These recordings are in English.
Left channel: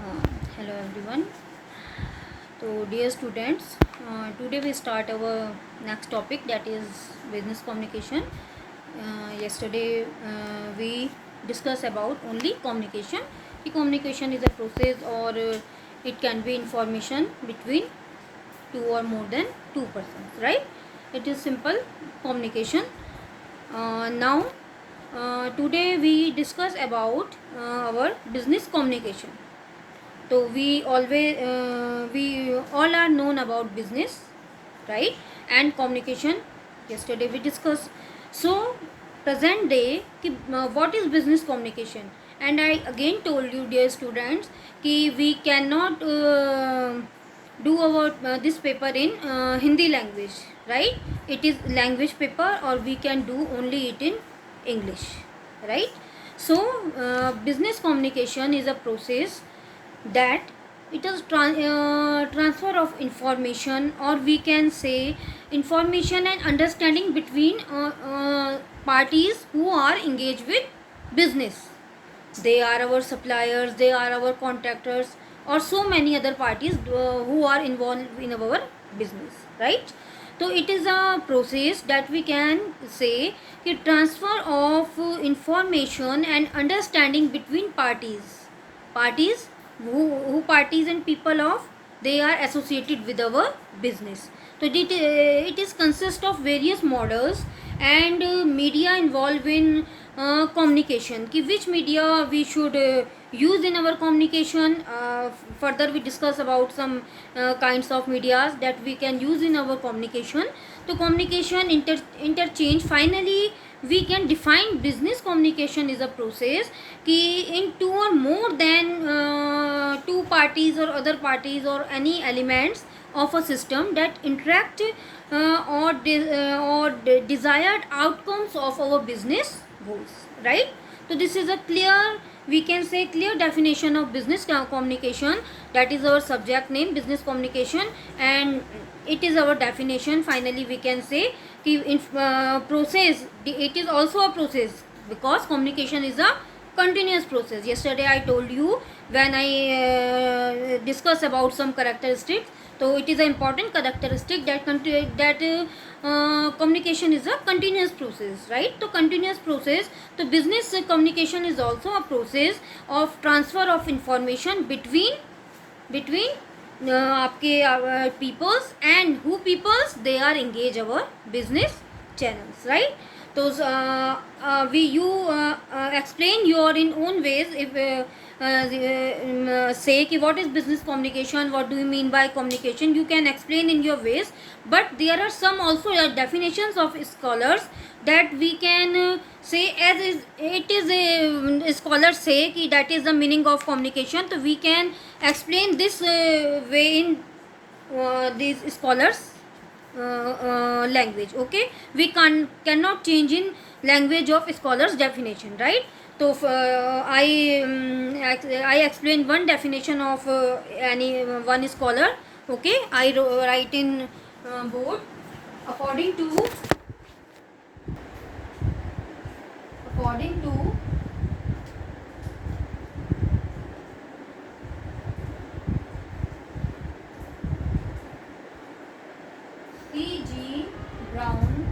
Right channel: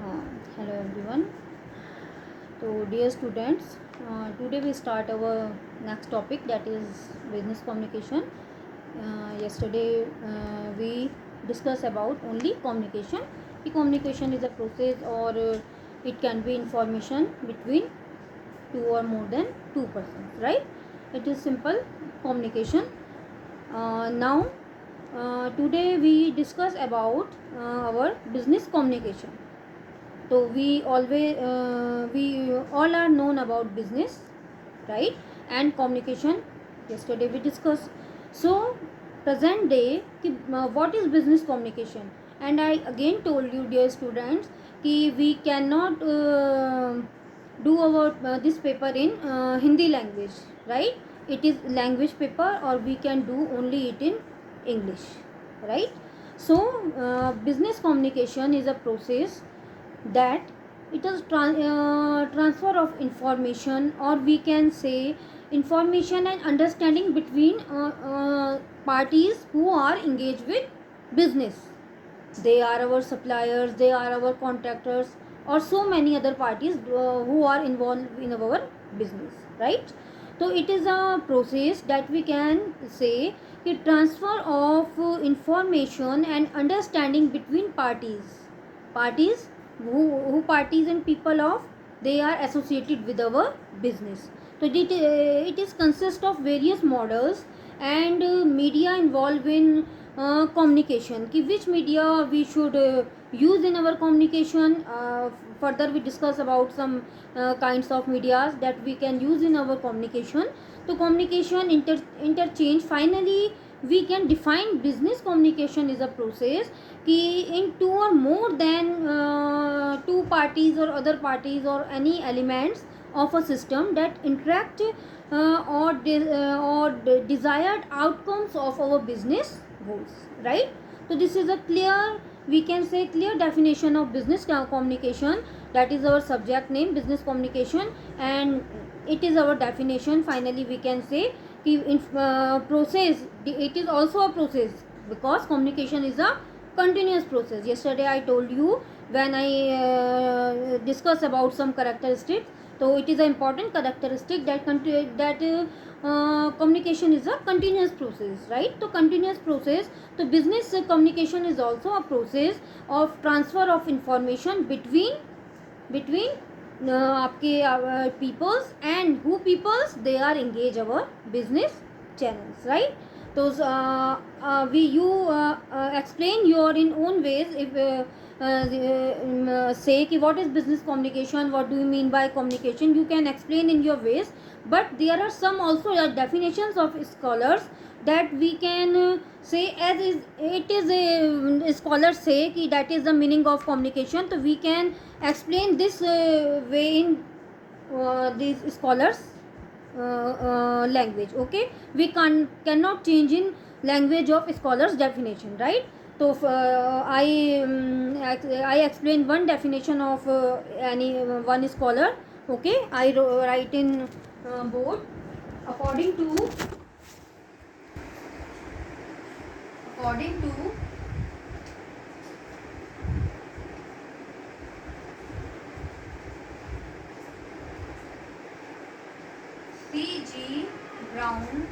Hello everyone. So dear students, today we start our next topic, that is business communication. Yesterday we discussed about only communication. The communication is a process, or it can be information between two or more than two persons, right? It is simple communication. Now today we discuss about our business communication. So we all are known about business, right? And communication. Yesterday we discussed. So present day what is business communication? And I again told you, dear students, कि we cannot do our this paper in Hindi language, right? It is language paper, or we can do only it in English, right? So business communication is a process that it is transfer of information, or we can say information and understanding between parties who are engaged with business. They are our suppliers, they are our contractors, or so many other parties who are involved in our business, right? So it is a process that we can say the transfer of information and understanding between parties who parties and people of they are associated with our business. So it is consist of various models and media involved in communication, कि which media we should use in our communication. Further we discuss about some kinds of medias that we can use in our communication. So communication interchange. Finally we can define business communication is a process कि in two or more than two parties or other parties or any elements of a system that interact or desired outcomes of our business goals, right? So this is a clear, we can say clear definition of business communication. That is our subject name, business communication, and it is our definition. Finally we can say कि in process, it is also a process, because communication is a continuous process. Yesterday I told you when I discuss about some characteristics. So it is an important characteristic that communication is a continuous process, right? So continuous process. So business communication is also a process of transfer of information between आपके peoples, and who peoples they are engage our business channels, right? So explain your in own ways. If say कि what is business communication, what do you mean by communication, you can explain in your ways. But there are some also definitions of scholars that we can say, as is it is a scholars say कि that is the meaning of communication. So we can explain this way in these scholars language. Okay, we cannot change in language of scholars definition, right? So I explain one definition of any one scholar. Okay, I write in board. According to C.G. Brown,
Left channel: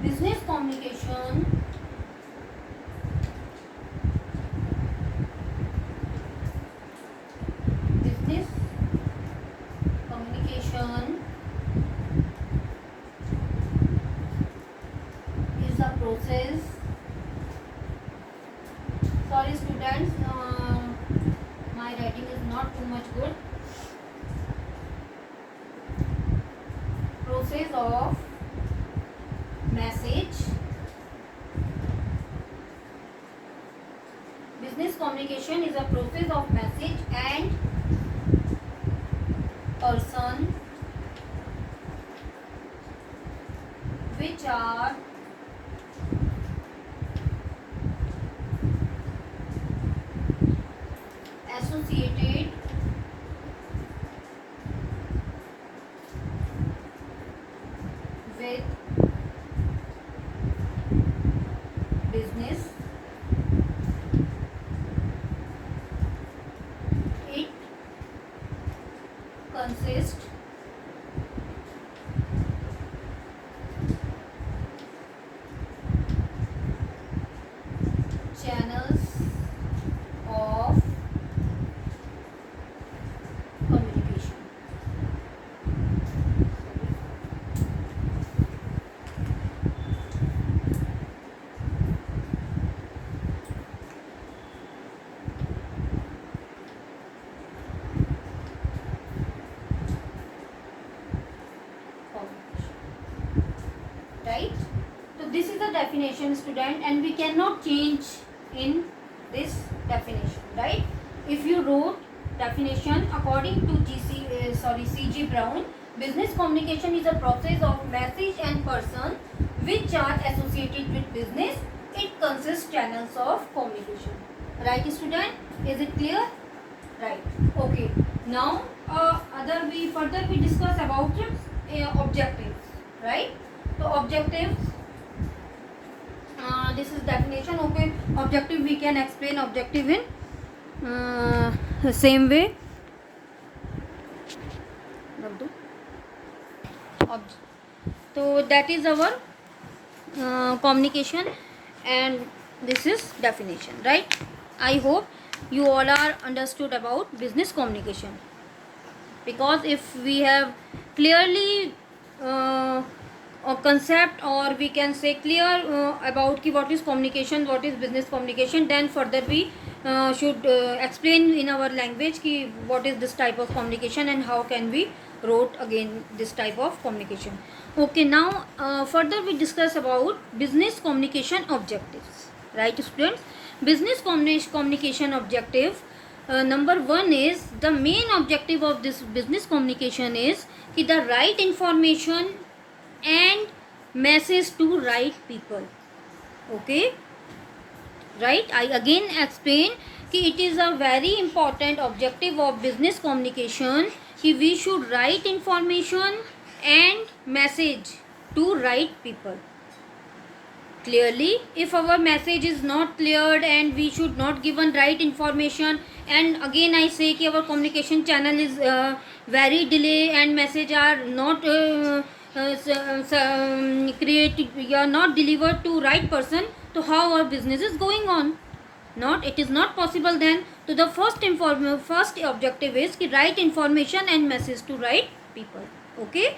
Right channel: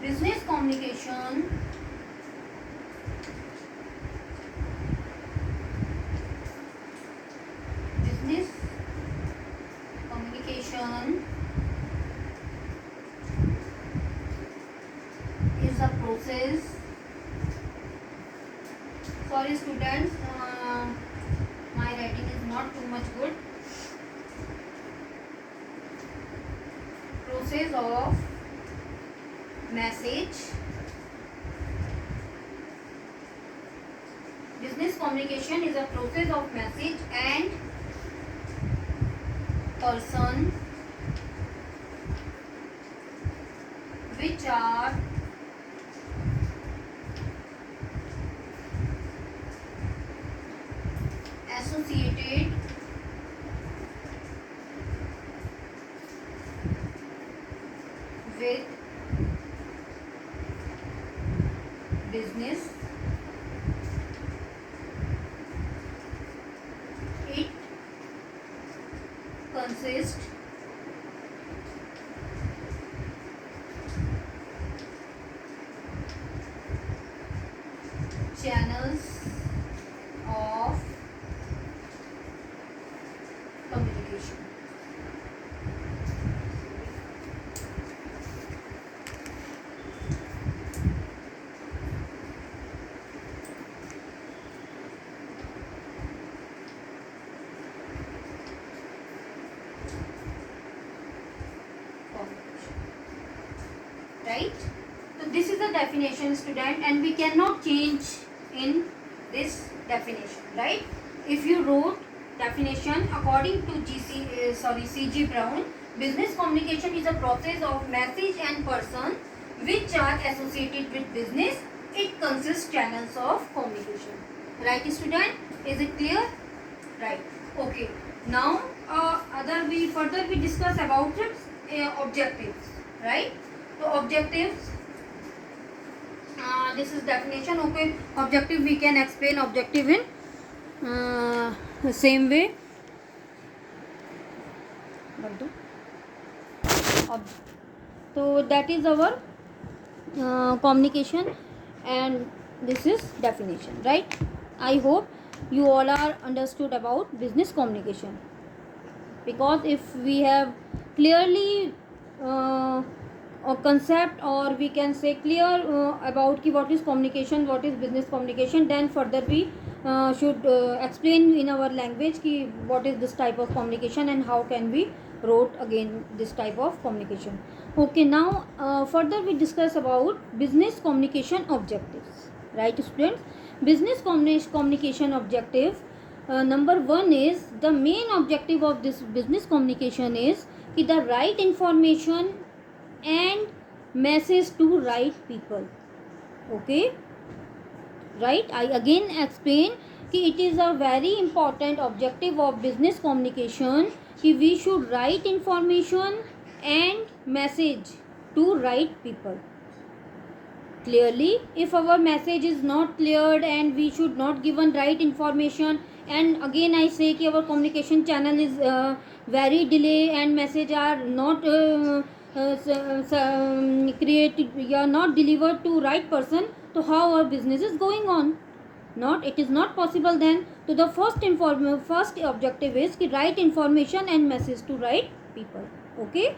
business communication business communication is a process. Sorry students, my writing is not too much good. Process of message. Business communication is a process of message and person which are associated with channels of communication. Right? So this is the definition, student, and we cannot change in this definition, right? If you wrote definition according to C.G. Brown, business communication is a process of message and person which are associated with business. It consists channels of communication. Right, student? Is it clear? Right. Okay. Now, further we discuss about objectives. Right. So objectives. This is definition. Okay. Objective, we can explain objective in the same way. So that is our communication, and this is definition, right? I hope you all are understood about business communication, because if we have clearly a concept, or we can say clear about what is communication, what is business communication, then further we should explain in our language what is this type of communication and how can we wrote again this type of communication. Okay, now further we discuss about business communication objectives, right, students? Business communication objective, number one is, the main objective of this business communication is the right information and message to right people. Okay, right? I again explain it is a very important objective of business communication we should write information and message to right people clearly. If our message is not cleared and we should not given right information, and again I say our communication channel is very delay and message are not not delivered to right person, so how our business is going on? It is not possible then. So the first objective is right information and message to right people. Okay,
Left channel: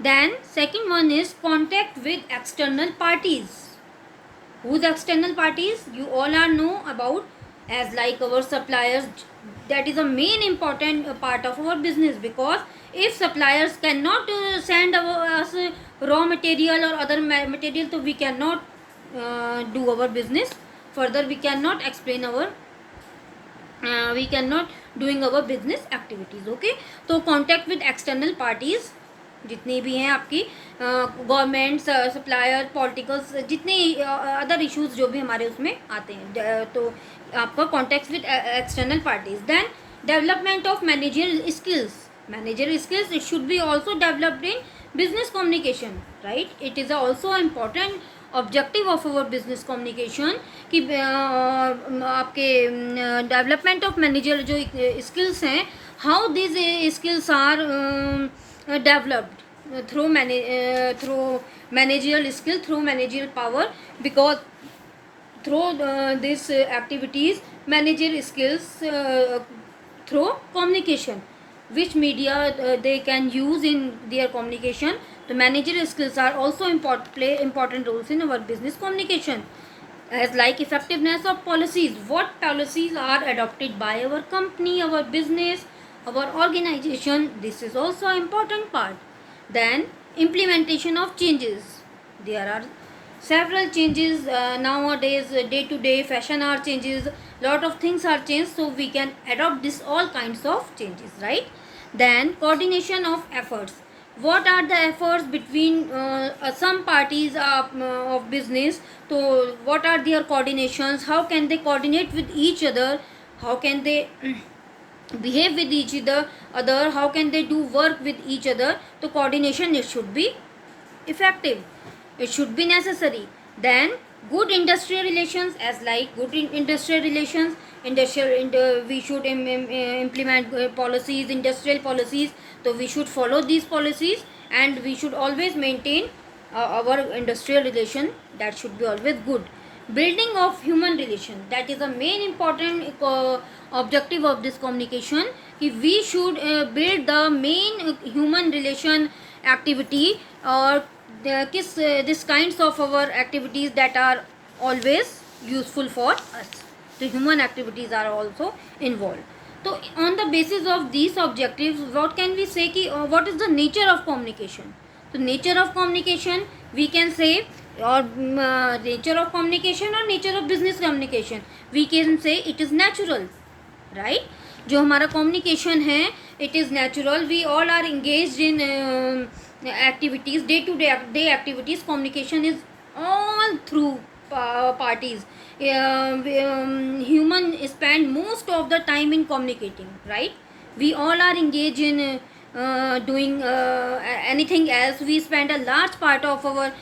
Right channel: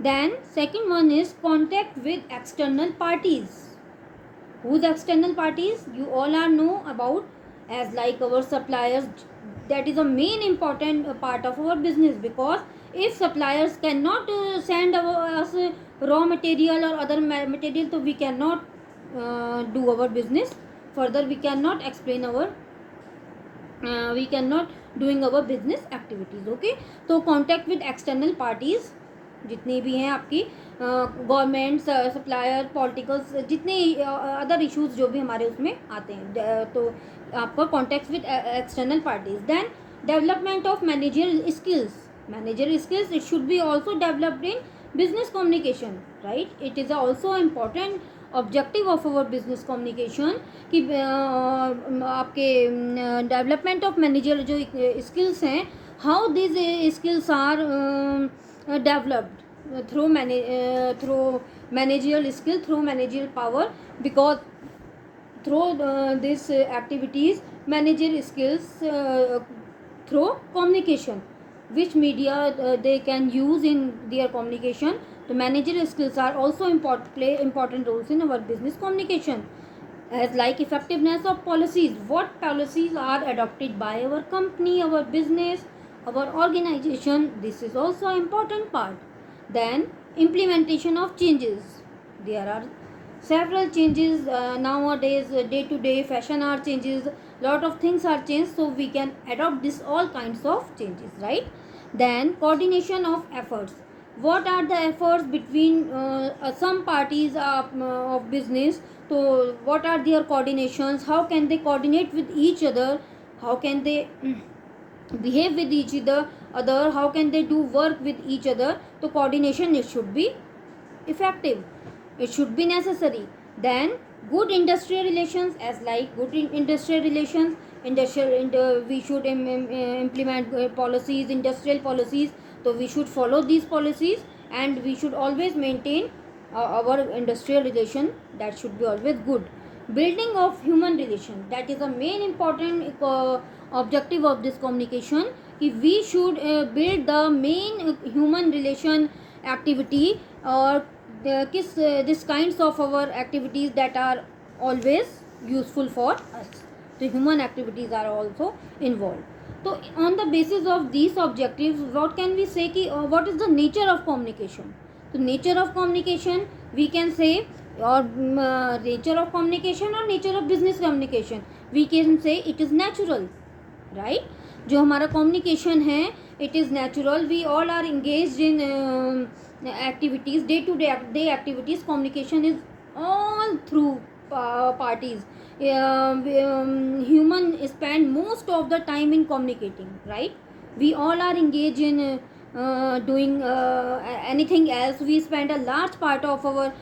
then second one is contact with external parties. Who's external parties? You all are know about as like our suppliers. That is a main important part of our business, because if suppliers cannot send us raw material or other material, so we cannot do our business further. We cannot explain our we cannot doing our business activities. Okay, so contact with external parties जितने भी हैं आपकी government, supplier, politicals, जितने other issues जो भी हमारे उसमें आते हैं, तो आपका contact with external parties. Then development of managerial skills it should be also developed in business communication, right? It is also important objective of our business communication कि आपके development of managerial जो skills हैं, how these skills are developed through managerial skill, through managerial power, because through these activities managerial skills through communication, which media they can use in their communication. The managerial skills are also play important roles in our business communication, as like effectiveness of policies. What policies are adopted by our company, our business, our organization? This is also an important part. Then implementation of changes. There are several changes nowadays, day to day fashion are changes, lot of things are changed, so we can adopt this all kinds of changes, right? Then coordination of efforts. What are the efforts between some parties of business? So what are their coordinations? How can they coordinate with each other? How can they behave with each other? How can they do work with each other? So coordination, it should be effective, it should be necessary. Then good industrial relations, as like good industrial relations, we should implement policies, industrial policies, so we should follow these policies, and we should always maintain our industrial relation, that should be always good. building of human relation, that is a main important objective of this communication, कि we should build the main human relation activity, or किस this kinds of our activities that are always useful for us. So human activities are also involved. So on the basis of these objectives, what can we say कि what is the nature of communication? So nature of communication we can say, or nature of communication or nature of business communication, we can say it is natural, right? जो हमारा communication है, it is natural. We all are engaged in activities, day to day activities. Communication is all through parties. Human spend most of the time in communicating, right? We all are engaged in doing anything else. We spend a large part of our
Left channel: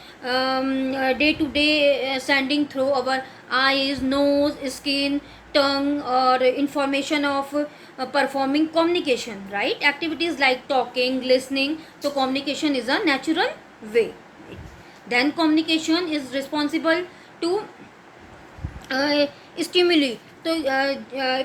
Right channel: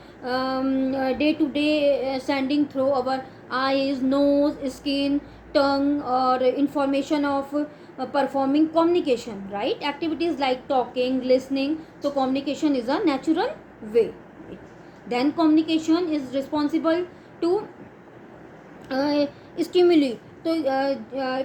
day to day sending through our eyes, nose, skin, tongue, or information of performing communication, right? Activities like talking, listening. So communication is a natural way. Then communication is responsible to stimuli. So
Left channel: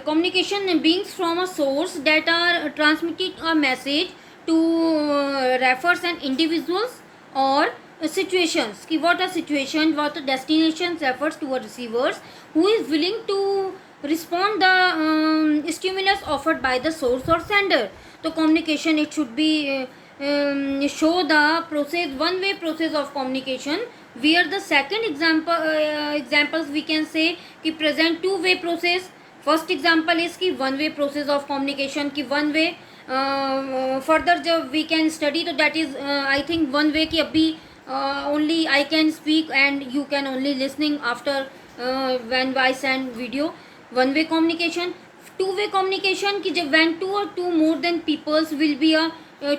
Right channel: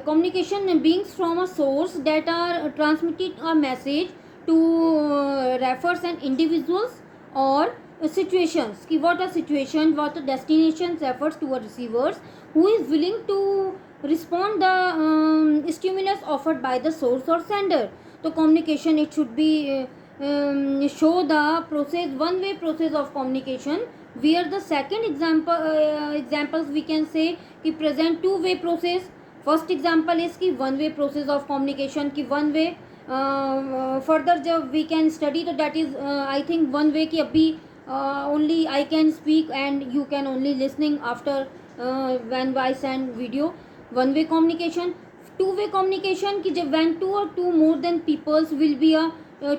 communication beings from a source that are transmitting a message to refers and individuals or situations. कि what are situations, what are destinations refers to a receivers who is willing to respond the stimulus offered by the source or sender. So communication, it should be show the process, one way process of communication, where the second examples we can say कि present two way process. First example is कि one way process of communication, कि one way further जब we can study, तो that is I think one way कि अभी only I can speak and you can only listening after when I send video. One way communication. Two way communication कि जब when two or two more than peoples will be a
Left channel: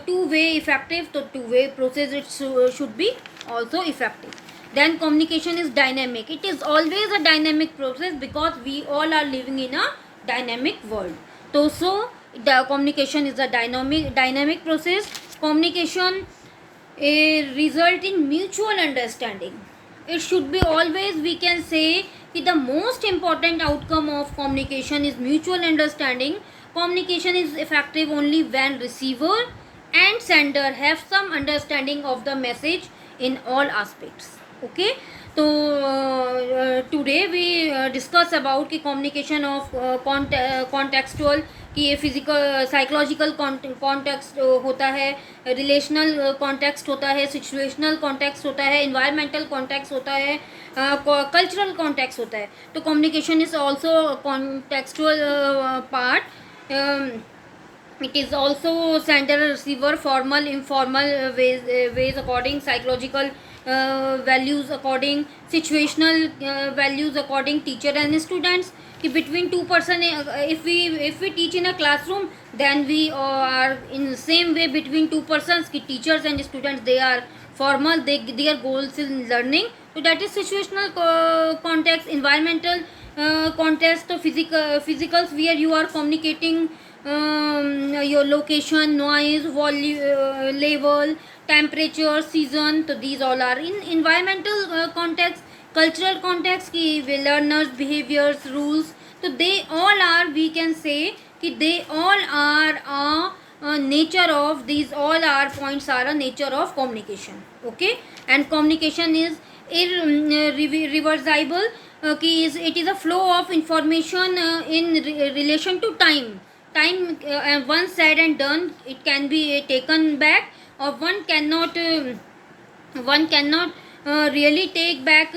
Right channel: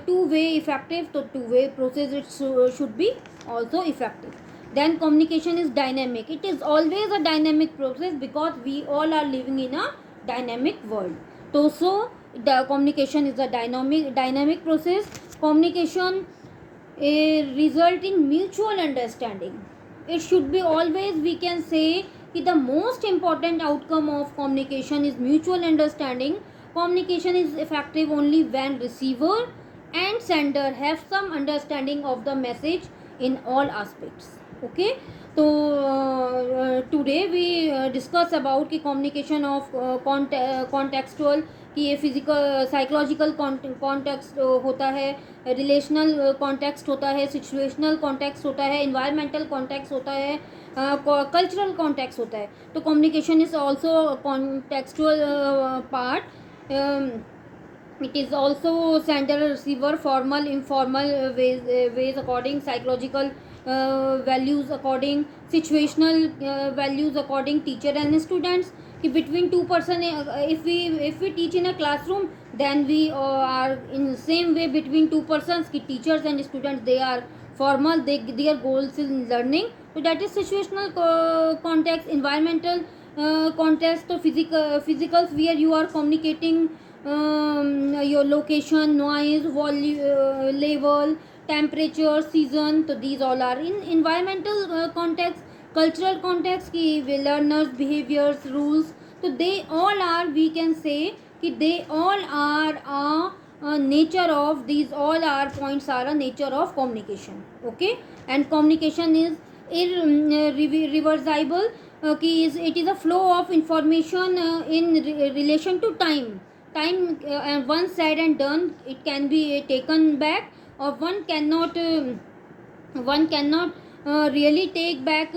two way effective, so two way process it should be also effective. Then communication is dynamic. It is always a dynamic process because we all are living in a dynamic world. So the communication is a dynamic process. Communication result in mutual understanding. It should be always, we can say कि the most important outcome of communication is mutual understanding. Communication is effective only when receiver and sender have some understanding of the message in all aspects. Okay, so today we discuss about कि communication of contextual, कि ये physical psychological context होता है, relational context होता है, situational context होता है, environmental context होता है, कल्चरल कॉन्टेक्स्ट होता है. तो communication is also contextual part. It is also sender receiver, formal, informal ways according, psychological values according, situational values according, teacher and students. कि between two person, if we teach in a classroom, then we are in the same way between two persons कि teachers and students, they are formal, their goals in learning. So that is situational context. Environmental context, so physicals where you are communicating your location, noise, volume, level, temperature, season. So these all are in environmental context. Cultural context की learners, behaviors, rules. So they all are, we can say कि they all are a nature of, these all are points are a nature of communication. Okay, and communication is irreversible. It is a flow of information in relation to time. Once said and done, it can be taken back, or one cannot really take back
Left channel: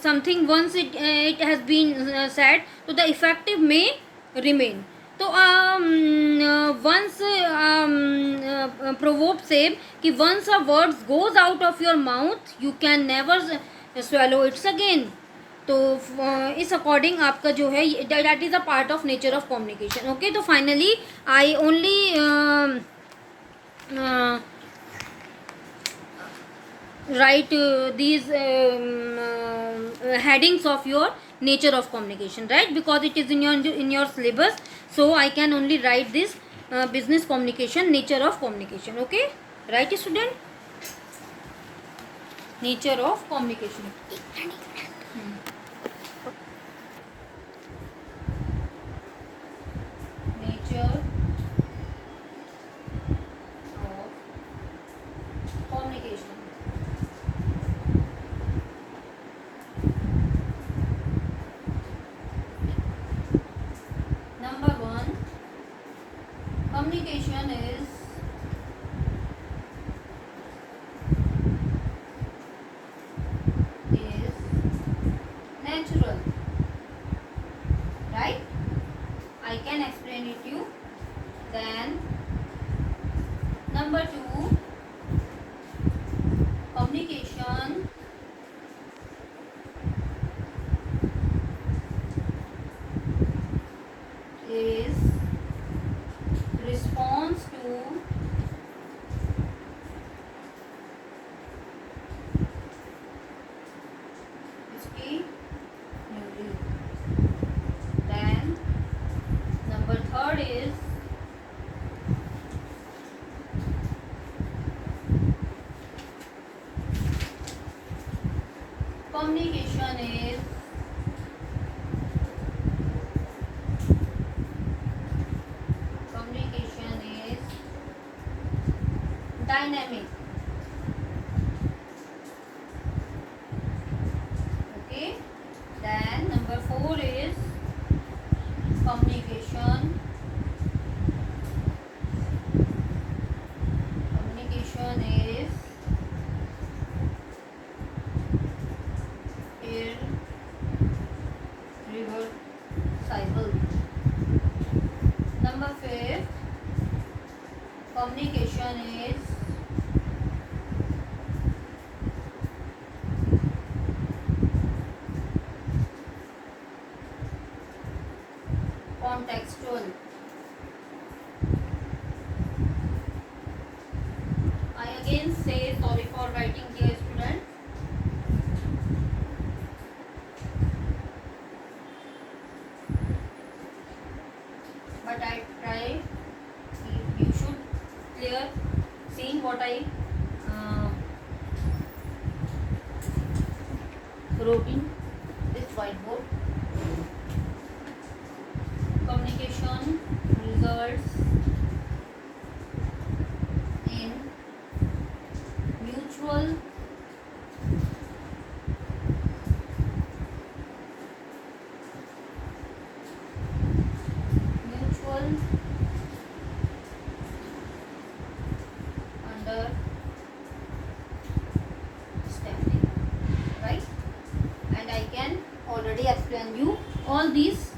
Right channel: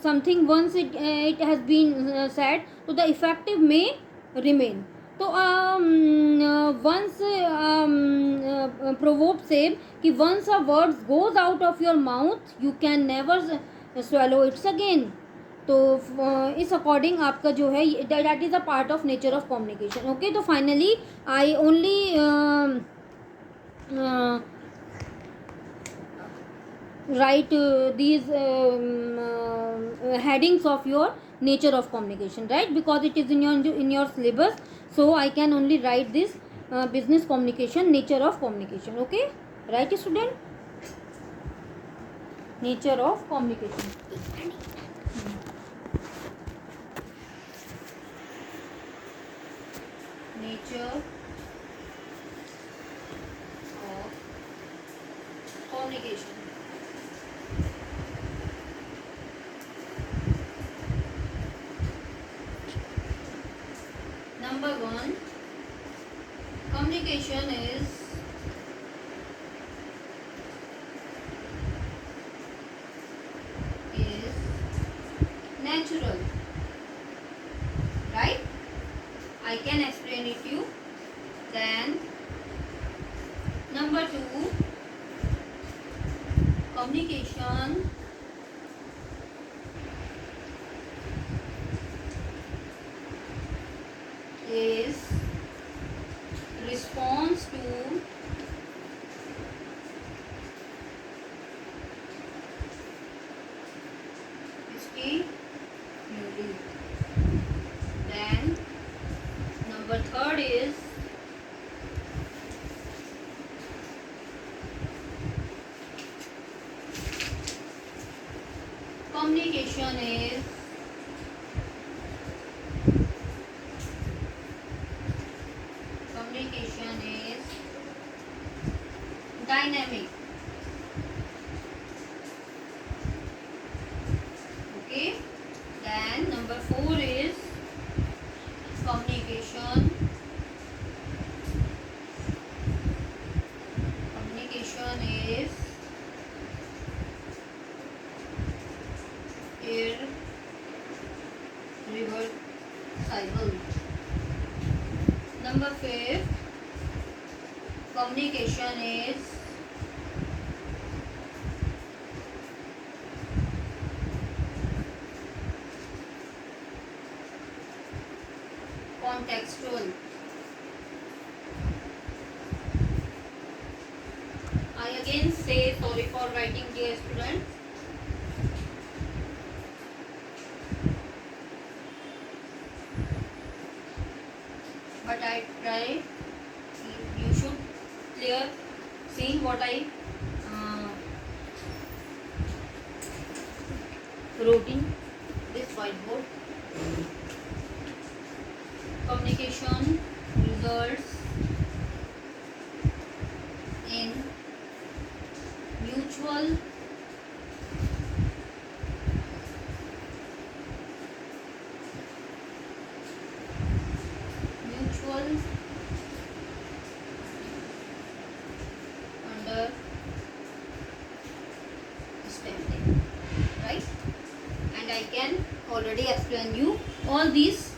something once it has been said. So the effective may remain. तो once proverb say कि once a word goes out of your mouth, you can never swallow it again. तो इस according आपका जो है that is a part of nature of communication. Okay, तो finally I only write these headings of your nature of communication, right? Because it is in your syllabus, so I can only write this business communication, nature of communication. Okay, right student? Nature of communication. communication is natural, right? I can explain it to you. Then number 2, communication is response to stimuli. Then number 3rd is communication is dynamic. Okay. Then number 4 is communication is irreversible. Number 5, communication is contextual. I again say sorry for writing, dear students. But I try. You should clear seen what I wrote in this whiteboard. Communication results in mutual understanding, right? And I can already explain you all these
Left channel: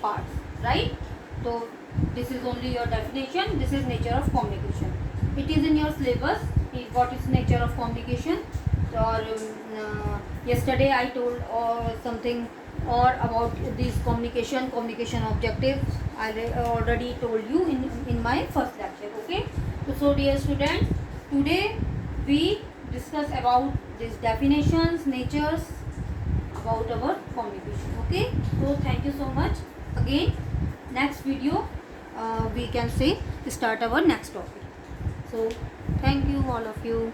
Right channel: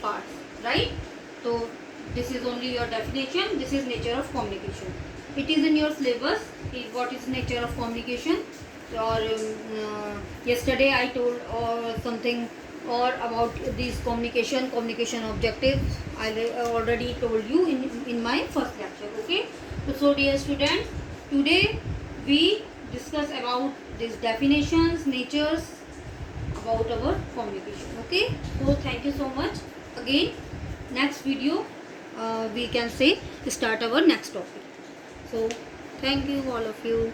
parts, right? So this is only your definition. This is nature of communication. It is in your syllabus. What is nature of communication? Or yesterday I told or something or about these communication objectives. I already told you in my first lecture. Okay. So dear students, today we discuss about these definitions, natures about our communication. Okay. So thank you so much. Again, next video we can say start our next topic. So thank you all of you.